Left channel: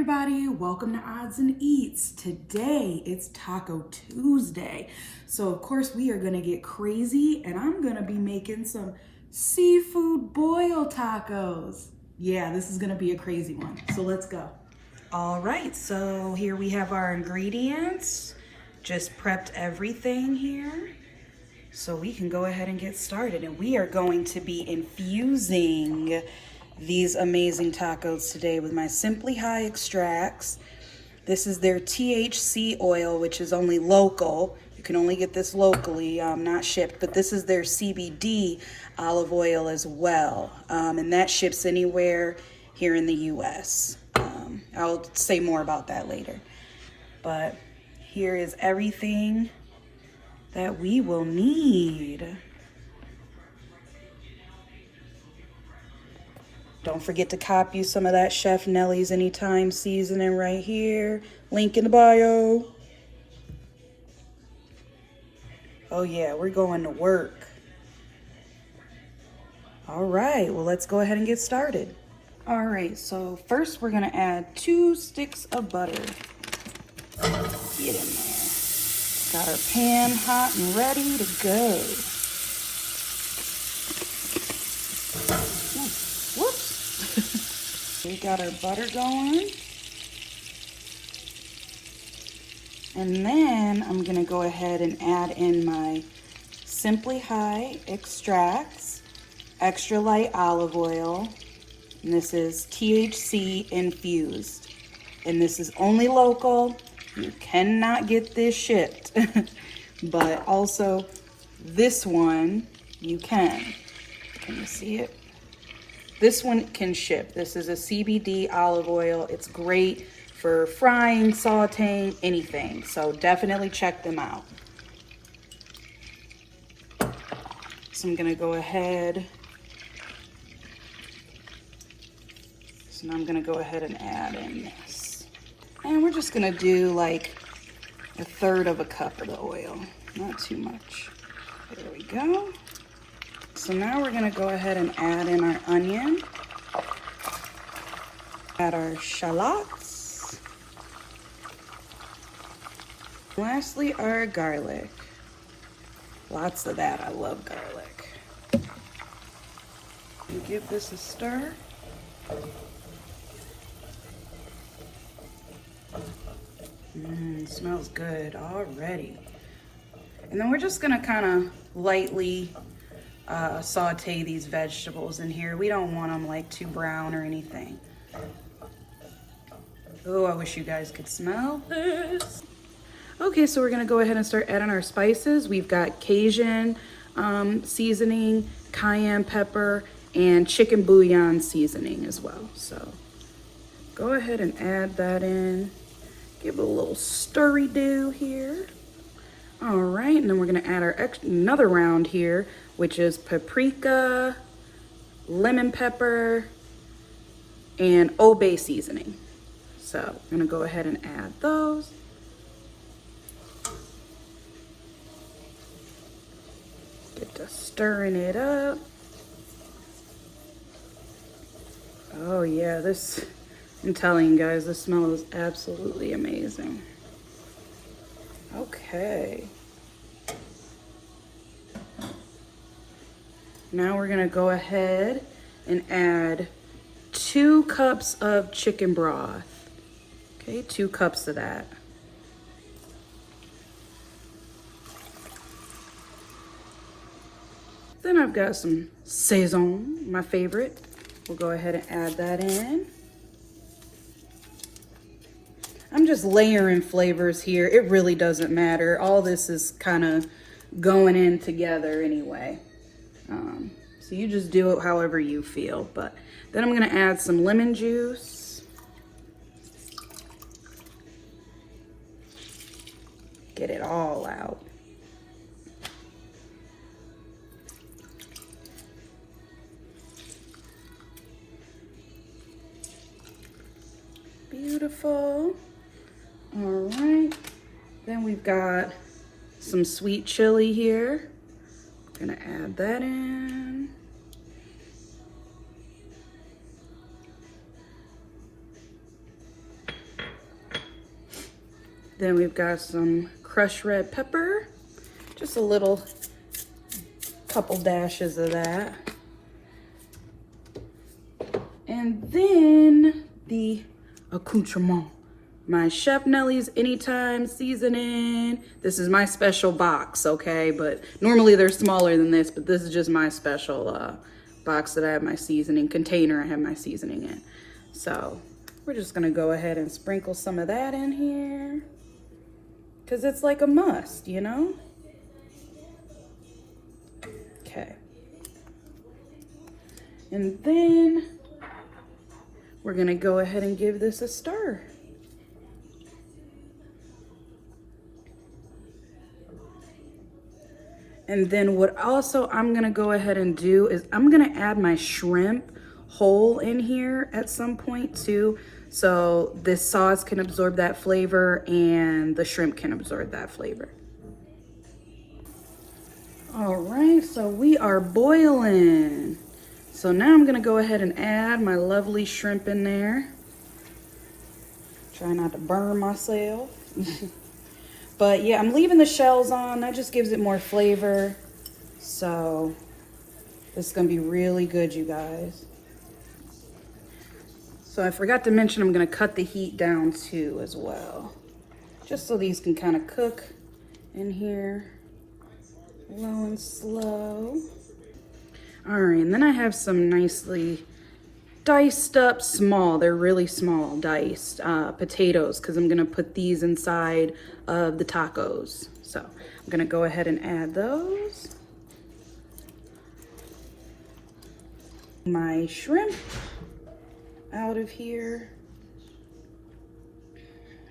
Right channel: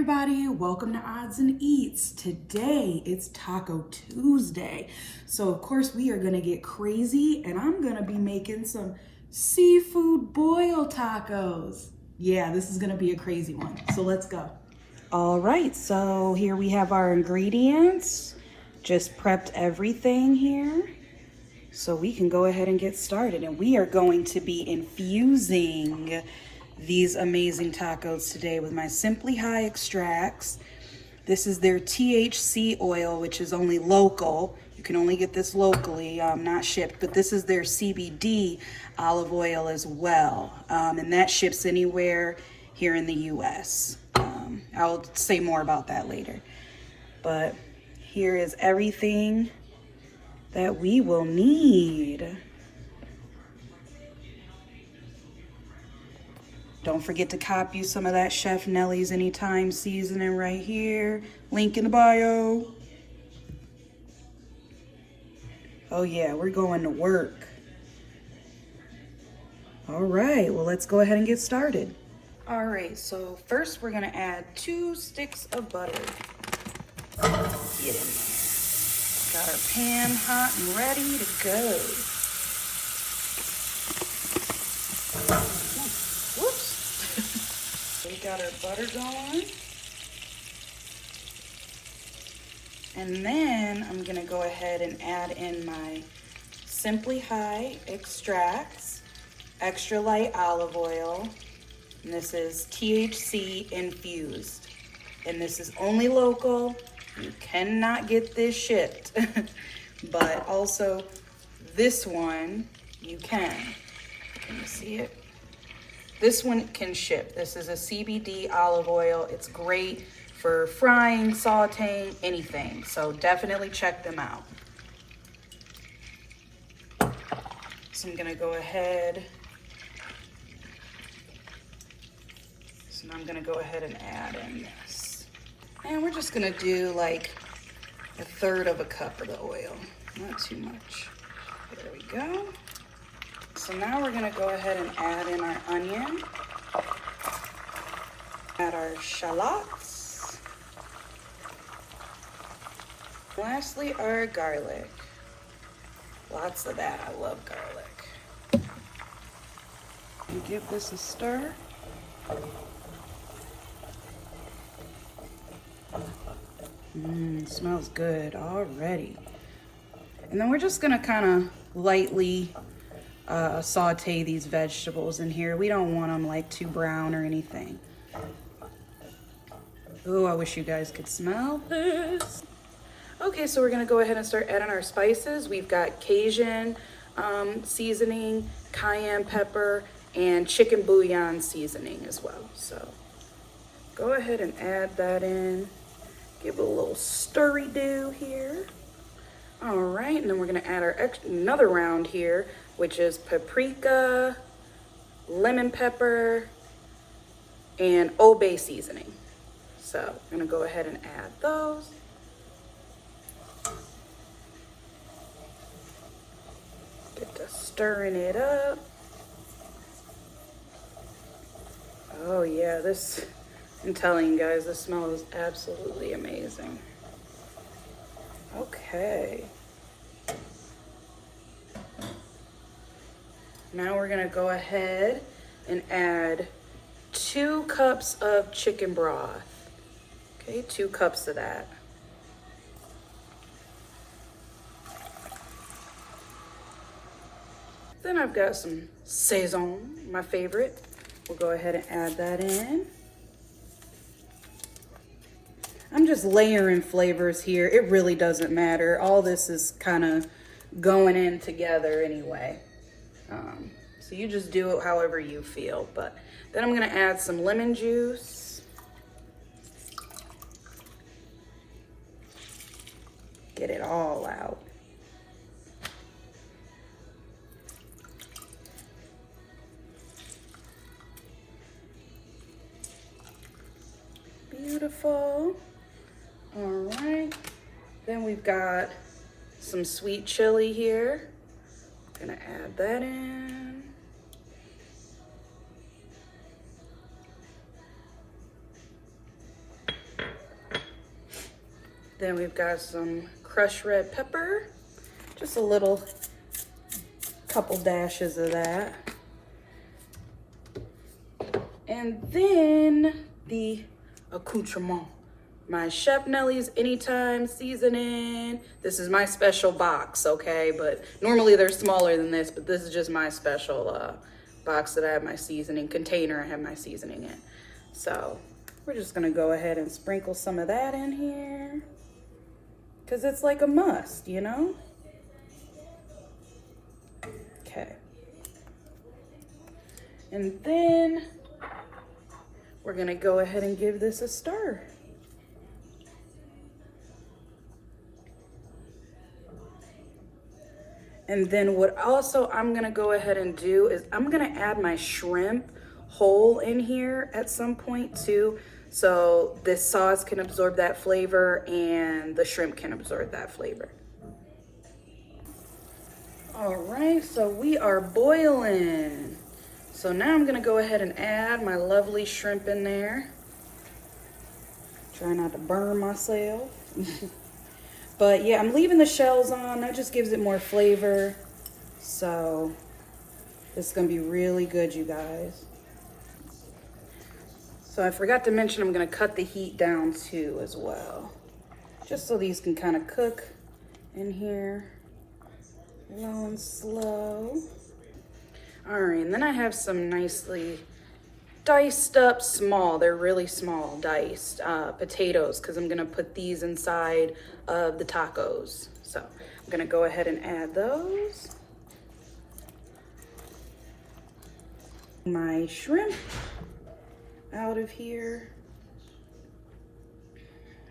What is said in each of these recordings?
everybody, welcome to Odds and Eats. Today it's Taco Tuesday. So of course we are gonna get crazy and I'm gonna be making some seafood boil tacos. Yeah, this is gonna be a crazy one. So let's go. All right, so here we have our ingredients. Just prepped everything here. So we can go ahead and get started. And we are going to be infusing these amazing tacos today with my Simply High extracts. This is their THC oil, which is only local. You can only get this locally, not shipped, but this is their CBD olive oil as well. And that ships anywhere here in the US. I'll say more about that later. But here is everything that we will need. Don't forget to copy some of that Chef Nellie's Anytime seasoning right here. Link in the bio. Oh yeah, we're going to work. All right, well, let's go ahead and get started. All right, so first we're gonna add 2 sticks of butter. Get in there. Got our pan hot and ready to go. We got our butter going. And then I'm gonna go ahead and add in my Simply High extracts, extra light olive oil, and this is THC infused. And this is only local. You cannot get this shipped. But also this one you can. Can you see it? This one can ship. This is a CBD olive oil. It's great for frying, sauteing, anything. So definitely check them out. So I'm gonna go ahead. So now I'm gonna go ahead and add in this. And we're just gonna do like 1/3 cup of the oil, not too much. There we go. So now we're gonna go ahead and add in our onion, add our shallots, lastly our garlic. Lots of that, I love garlic. And give this a stir. Smells good already. And then we're just gonna kind of lightly saute these vegetables in here. We don't want them like too brown or anything. Oh, I wish you guys could smell this. Okay, so we're gonna go ahead and start adding our spices. We've got Cajun seasoning, cayenne pepper, and chicken bouillon seasoning as well. So go ahead and add that in. Give it a little stirry-do here. All right, and then we're gonna add our another round here, which is paprika, lemon pepper, and Old Bay seasoning. So I'm gonna go ahead and add those. Get to stirring it up. Oh yeah, this, I'm telling you guys, this smells absolutely amazing. Okay. Now we're gonna go ahead and add 2 cups of chicken broth. Okay, 2 cups of that. Then I've got some Sazon, my favorite. We'll go ahead and add that in. I'm just layering flavors here. It really doesn't matter. All this is kind of going in together anyway. So you just do it however you feel. But then I'm gonna add some lemon juice. Get it all out. Beautiful. All right. Then we've got some sweet chili here. I'm gonna add that in. Then we've got some crushed red pepper, just a little couple dashes of that. And then the accoutrement. My Chef Nellie's Anytime seasoning. This is my special box, okay? But normally they're smaller than this, but this is just my special box that I have my seasoning, container I have my seasoning in. So we're just gonna go ahead and sprinkle some of that in here, because it's like a must, you know? Okay. And then we're gonna go ahead and give this a stir. And then what also I'm gonna go ahead and do is I'm gonna add my shrimp whole in here at some point too. So this sauce can absorb that flavor and the shrimp can absorb that flavor. All right, so we are boiling. So now I'm gonna go ahead and add my lovely shrimp in there. Try not to burn myself. But yeah, I'm leaving the shells on. That just gives it more flavor. So this is gonna be really good, you guys. So I forgot to mention I'm gonna cut the heat down too as well. Just so these can kind of cook in here. Low and slow. All right, and then I have some nicely diced up small, they're really small, diced potatoes, because I'm gonna put these inside of the tacos. So I'm gonna go ahead and add those. My shrimp out of here.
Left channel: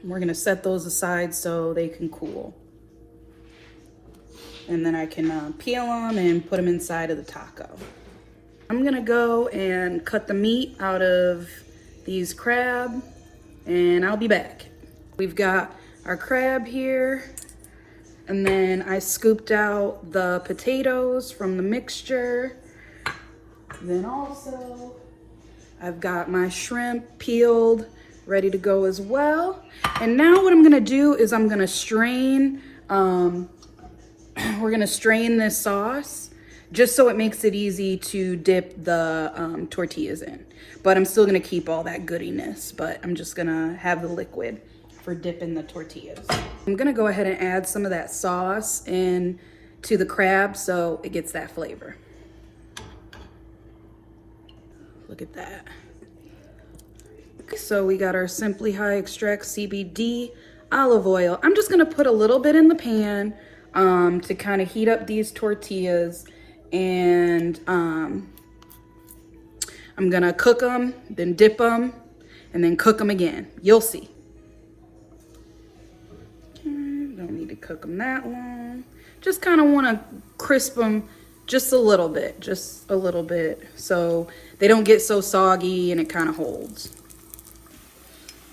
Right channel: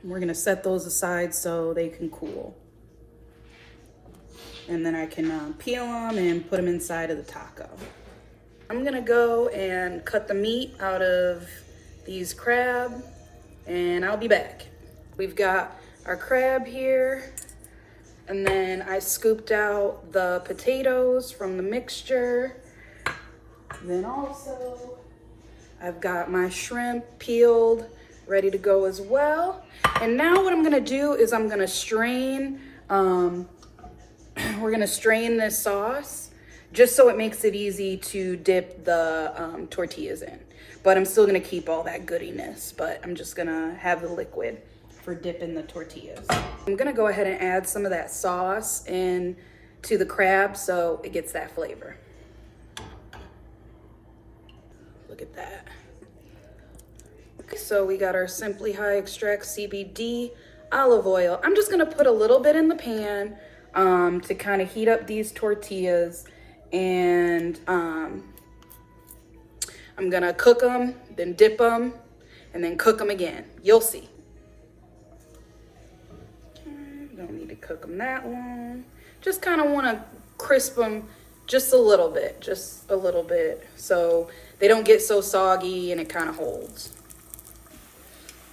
We're gonna set those aside so they can cool. And then I can peel them and put them inside of the taco. I'm gonna go and cut the meat out of these crab, and I'll be back. We've got our crab here, and then I scooped out the potatoes from the mixture. And then also, I've got my shrimp peeled, ready to go as well. And now what I'm gonna do is I'm gonna strain, we're gonna strain this sauce just so it makes it easy to dip the tortillas in. But I'm still gonna keep all that goodiness, but I'm just gonna have the liquid for dipping the tortillas. I'm gonna go ahead and add some of that sauce in to the crab so it gets that flavor. Look at that. So we got our Simply High Extract CBD olive oil. I'm just gonna put a little bit in the pan to kind of heat up these tortillas, and I'm gonna cook them, then dip them, and then cook them again. You'll see. Okay, don't need to cook them that long. Just kind of want to crisp them just a little bit, so they don't get so soggy and it kind of holds.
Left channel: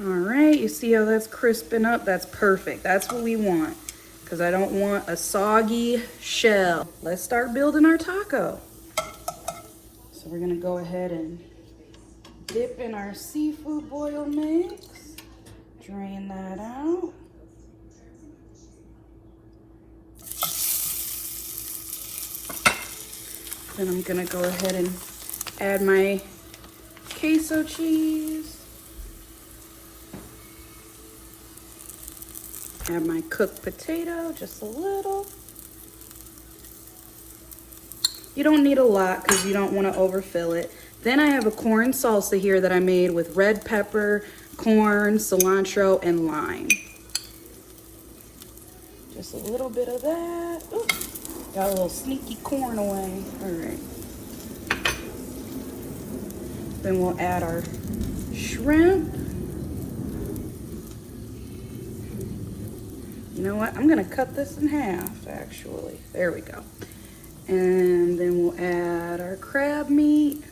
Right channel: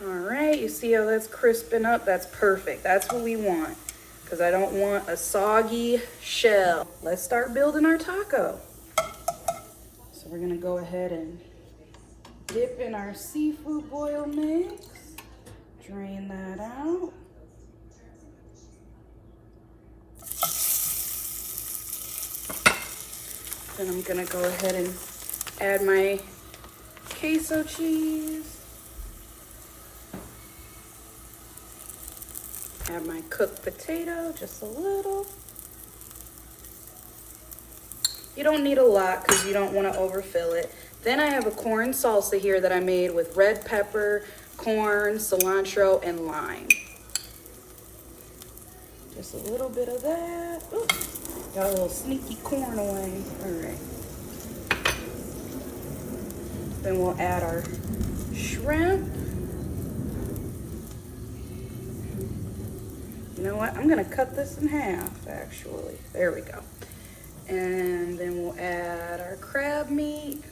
All right, you see how that's crisping up? That's perfect. That's what we want, because I don't want a soggy shell. Let's start building our taco. So we're gonna go ahead and dip in our seafood boil mix. Drain that out. Then I'm gonna go ahead and add my queso cheese. Add my cooked potato, just a little. You don't need a lot because you don't want to overfill it. Then I have a corn salsa here that I made with red pepper, corn, cilantro, and lime. Just a little bit of that. Ooh, got a little sneaky corn away. All right. Then we'll add our shrimp. You know what? I'm gonna cut this in half, actually. There we go. And then we'll add our crab meat.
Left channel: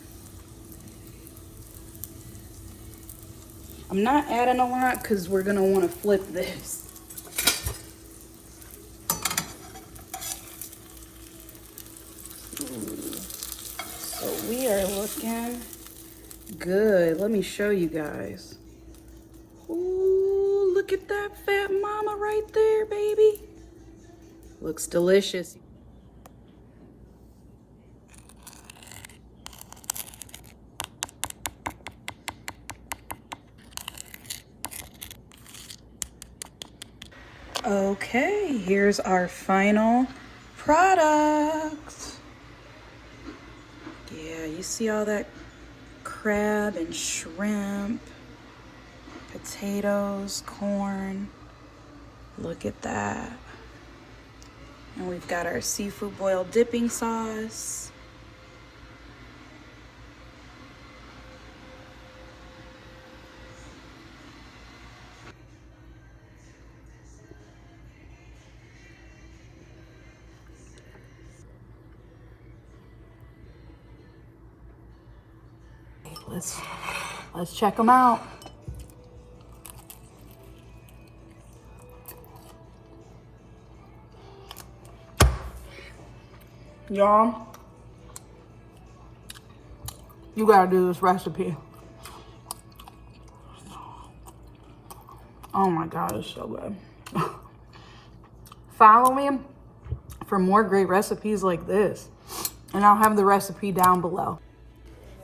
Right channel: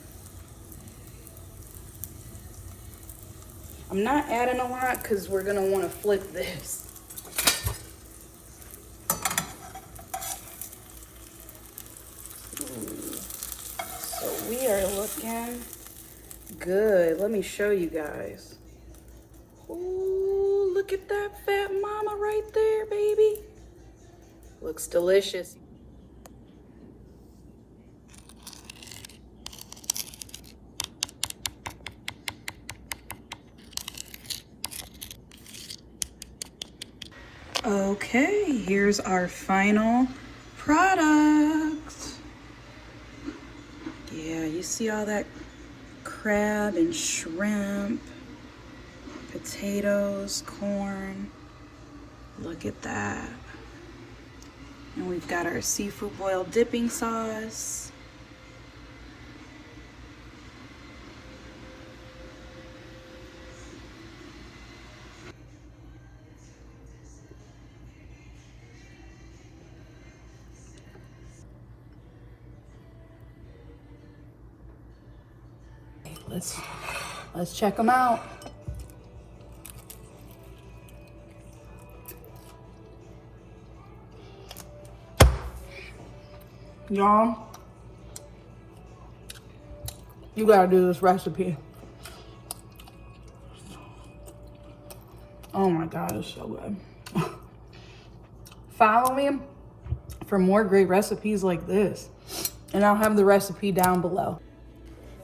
I'm not adding a lot because we're gonna want to flip this. So we are looking good. Let me show you guys. Ooh, look at that fat mama right there, baby. Looks delicious. Okay, here's our final products. Yeah, you see all that crab and shrimp, potatoes, corn. Look at that. And we've got our seafood boil dipping sauce. Let's check them out. Y'all, you gotta do this recipe. Oh my God, it's so good. Follow me for more great recipes like this, and I'll have the recipe down below.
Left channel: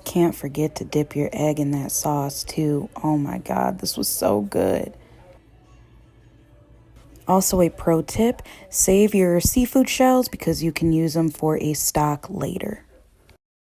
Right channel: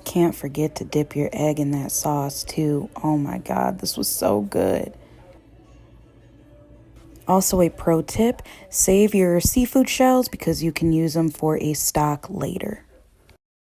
Can't forget to dip your egg in that sauce too. Oh my God, this was so good. Also, a pro tip, save your seafood shells because you can use them for a stock later.